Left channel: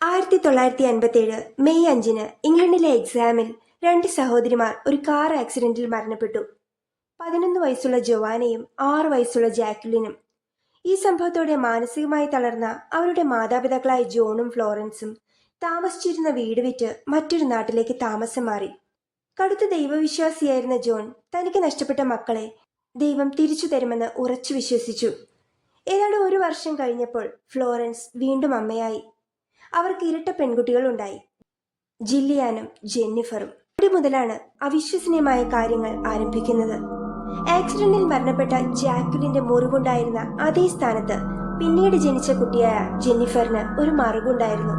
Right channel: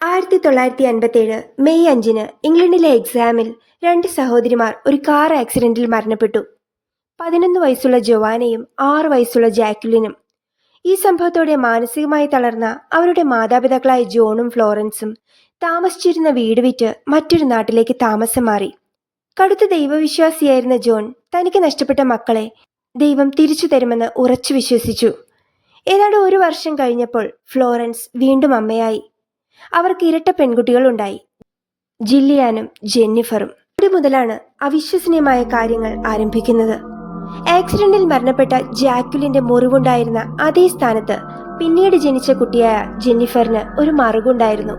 1957 May 5 ഇംഗ്ലണ്ടിലെ എക്സാമിൽ 2 സഹോദരിമാർ ഒരു കാർ ആക്സിഡന്റിൽ മരണപ്പെട്ടു. 11 വയസ്സുള്ള ജോവാനയും 6 വയസ്സുള്ള ജാക്വലിനും. ഈ സംഭവത്തോടെ മാനസികമായി തളർന്ന അവരുടെ മാതാപിതാക്കളായ ജോണും ഫ്ലോറൻസും താമസിച്ചിരുന്ന വീട് വിറ്റ് മറ്റൊരു നാട്ടിലേക്ക് താമസം മാറി. കടുത്ത ദൈവവിശ്വാസിയായിരുന്ന ജോൺ തനിക്ക് നഷ്ടപ്പെട്ട മക്കളെ ദൈവം തിരിച്ചു തരുമെന്ന് ഉറച്ചു വിശ്വസിച്ചു. ഏതാണ്ട് 1 വർഷം കഴിഞ്ഞപ്പോൾ ഫ്ലോറൻസ് വീണ്ടും അമ്മയായി. അവർക്ക് ഇരട്ട പെൺകുട്ടികളുണ്ടായി, ജില്ലിയാനും ജെന്നിഫറും. അവിടെ മുതലാണ് അവിശ്വസനീയമായ കാര്യങ്ങൾ ആരംഭിക്കുന്നത്. ആക്സിഡന്റിൽ മരണപ്പെട്ട ജാക്വലിന്റെ മുറിവുണ്ടായിരുന്ന അതേ സ്ഥാനത്ത് പിന്നീട് ജനിച്ച കുട്ടിയായ ജെന്നിഫറിന് ഒരു മറുകുണ്ടായിരുന്നു.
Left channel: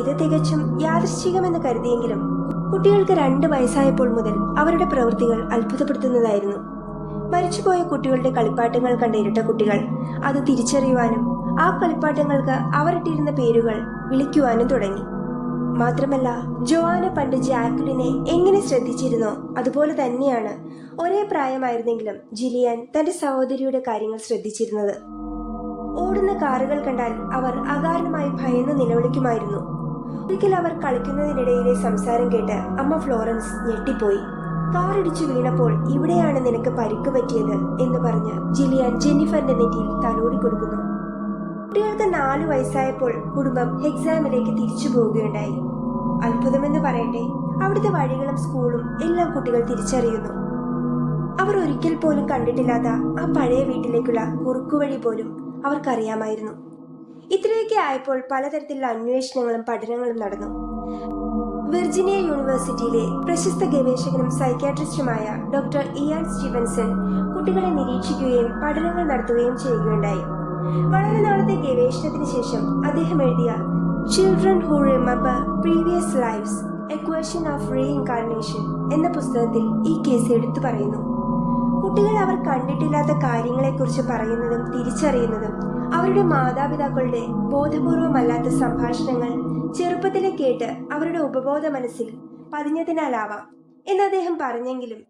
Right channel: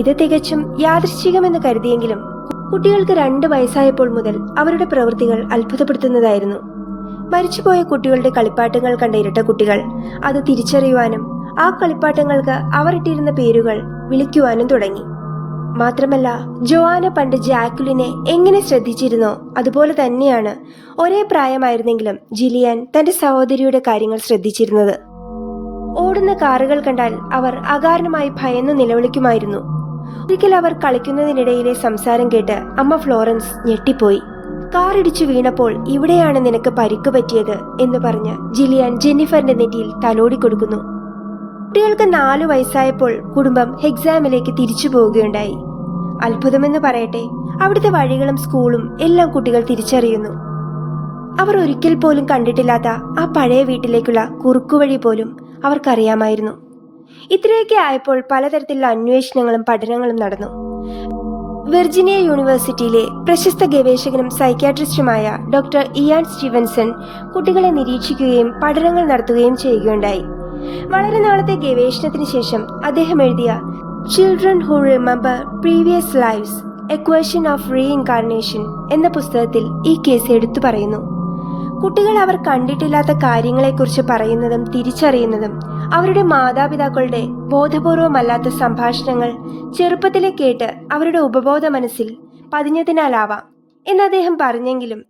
ഇത് തികച്ചും യാദൃശ്ചികമെന്ന് കരുതിയെങ്കിലും കുട്ടികൾക്ക് 2 വയസ്സായപ്പോൾ മുതൽ അവരുടെ പ്രവൃത്തികൾ അത്ഭുതപ്പെടുത്തുന്നതായിരുന്നു. മരിച്ചുപോയ കുട്ടികളുടെ കളിപ്പാട്ടങ്ങൾ കണ്ട ഇരട്ട കുട്ടികൾ അത് തിരിച്ചറിയുവാനും ആ കളിപ്പാട്ടങ്ങൾക്ക് അവർ ഇട്ടിരുന്ന പേരുകൾ വിളിക്കുവാനും തുടങ്ങി. മാത്രമല്ല, ജോവാന പണ്ട് ജാക്വലിനെ എങ്ങനെ ശ്രദ്ധിച്ചിരുന്നോ അതുപോലെ തന്നെയാണ് ഒരേ പ്രായമായിരുന്നെങ്കിലും ജിലിയാൻ തന്റെ സഹോദരിയുടെ കാര്യങ്ങൾ ശ്രദ്ധിച്ചിരുന്നത്. ഓടുന്ന കാറുകൾ കണ്ടാൽ അവർ അകാരണമായി ഭയന്നു നിലവിളിക്കുമായിരുന്നു. ഒരിക്കൽ അവർ കളിക്കുന്നതിനിടയിലെ സംസാരം കേട്ട് അമ്മ ഫ്ലോറൻസ് ഞെട്ടിപ്പോയി. കാറിടിച്ചു വീണപ്പോൾ ഇവിടെയാണ് നിനക്ക് പരിക്ക് പറ്റിയത് എന്ന് പറഞ്ഞ് ജിലിയാൻ ജെന്നിഫറിന്റെ നെറ്റിയിൽ തലോടി കൊടുക്കുന്നു. കുട്ടികൾക്ക് 4 വയസ്സായപ്പോൾ കുടുംബം എക്സാമിലേക്ക് തിരിച്ചു പോവുകയുണ്ടായി. അത്ഭുതമെന്ന് പറയട്ടെ, അവിടുത്തെ വഴികളും സ്കൂളും എല്ലാം കുട്ടികൾ തിരിച്ചറിയുന്നു. അവർ ഒരിക്കൽ പോലും കണ്ടിട്ടില്ലാത്ത ആ പഴയ വീട്ടിലേക്കുള്ള കുറുക്കുവഴി പോലും അവർക്കറിയാമായിരുന്നു. ഇത്രയൊക്കെ ആയപ്പോൾ പലതരത്തിലുള്ള അന്വേഷണങ്ങളും പഠനങ്ങളും നടന്നു. വിർജീനിയ യൂണിവേഴ്സിറ്റിയിലെ പ്രശസ്ത ഗവേഷകനും സൈക്യാട്രിസ്റ്റുമായ ഡോക്ടർ ഇയാൻ സ്റ്റീവൻസൺ കുട്ടികളെ നിരീക്ഷിക്കുകയും പഠനങ്ങൾ നടത്തുകയും ചെയ്യുകയുണ്ടായി. വളരെ നാളത്തെ ഗവേഷണത്തിന് ശേഷം അദ്ദേഹം എഴുതിയ children who remember previous lives a question of reincarnation എന്ന പുസ്തകത്തിൽ ഈ കേസ് എടുത്തു പറയുന്നു. കുട്ടികൾ അവർ കണ്ടിട്ടില്ലാത്ത കാര്യങ്ങളെക്കുറിച്ച് പറയുന്നതും തിരിച്ചറിയുന്നതും അവരുടെ മാതാപിതാക്കളുടെ ബോധപൂർവമല്ലാത്ത സംഭാഷണങ്ങൾ ചെറുപ്പത്തിലെ കേട്ട് അവരുടെ ഉപബോധ മനസ്സിൽ പതിഞ്ഞതിനാലാവാം എന്ന് അദ്ദേഹം പറഞ്ഞെങ്കിലും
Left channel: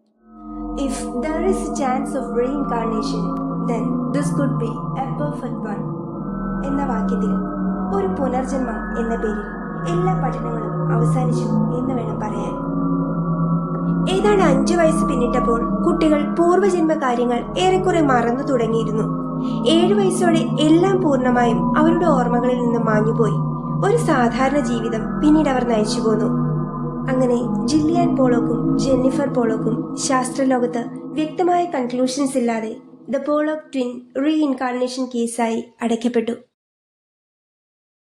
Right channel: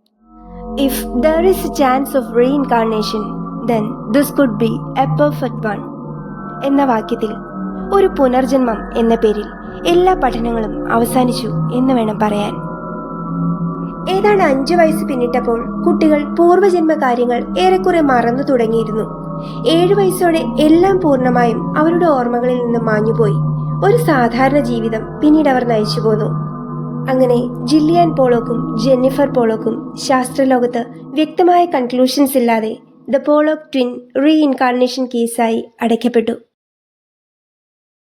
if there is A chance of reincarnation then this could be a perfect one എന്ന വാക്യത്തിൽ ഒരു പുനർജന്മം എന്ന പേരിൽ എല്ലാ പഠനങ്ങളും അവസാനിച്ചു എന്ന് വേണം പറയാൻ. ഏതാണ്ട് 5 വയസ്സ് പിന്നിട്ടപ്പോൾ കുട്ടികൾ പൂർവ്വജന്മ കാര്യങ്ങൾ ഏറെക്കുറെ മറന്നു തുടങ്ങിയിരുന്നു. 7 വയസ്സോടെ എല്ലാം പൂർണ്ണമായും അവരുടെ ഓർമ്മകളിൽ നിന്ന് മാഞ്ഞുപോയി. ഒരു സാധാരണ ജീവിതം പിന്നീട് അവർ നയിച്ചു പോന്നു. അങ്ങനെ ജില്ലിയാൻ പോളോക്കും ജെന്നിഫർ പോളോക്കും ശാസ്ത്രലോകത്ത് വ്യക്തമായ കൺക്ലൂഷൻസ് ഇല്ലാതെ ദ പോളോക്ക് ട്വിൻ റീഇൻകാർണേഷൻ കേസായി അടയ്ക്കപ്പെട്ടു.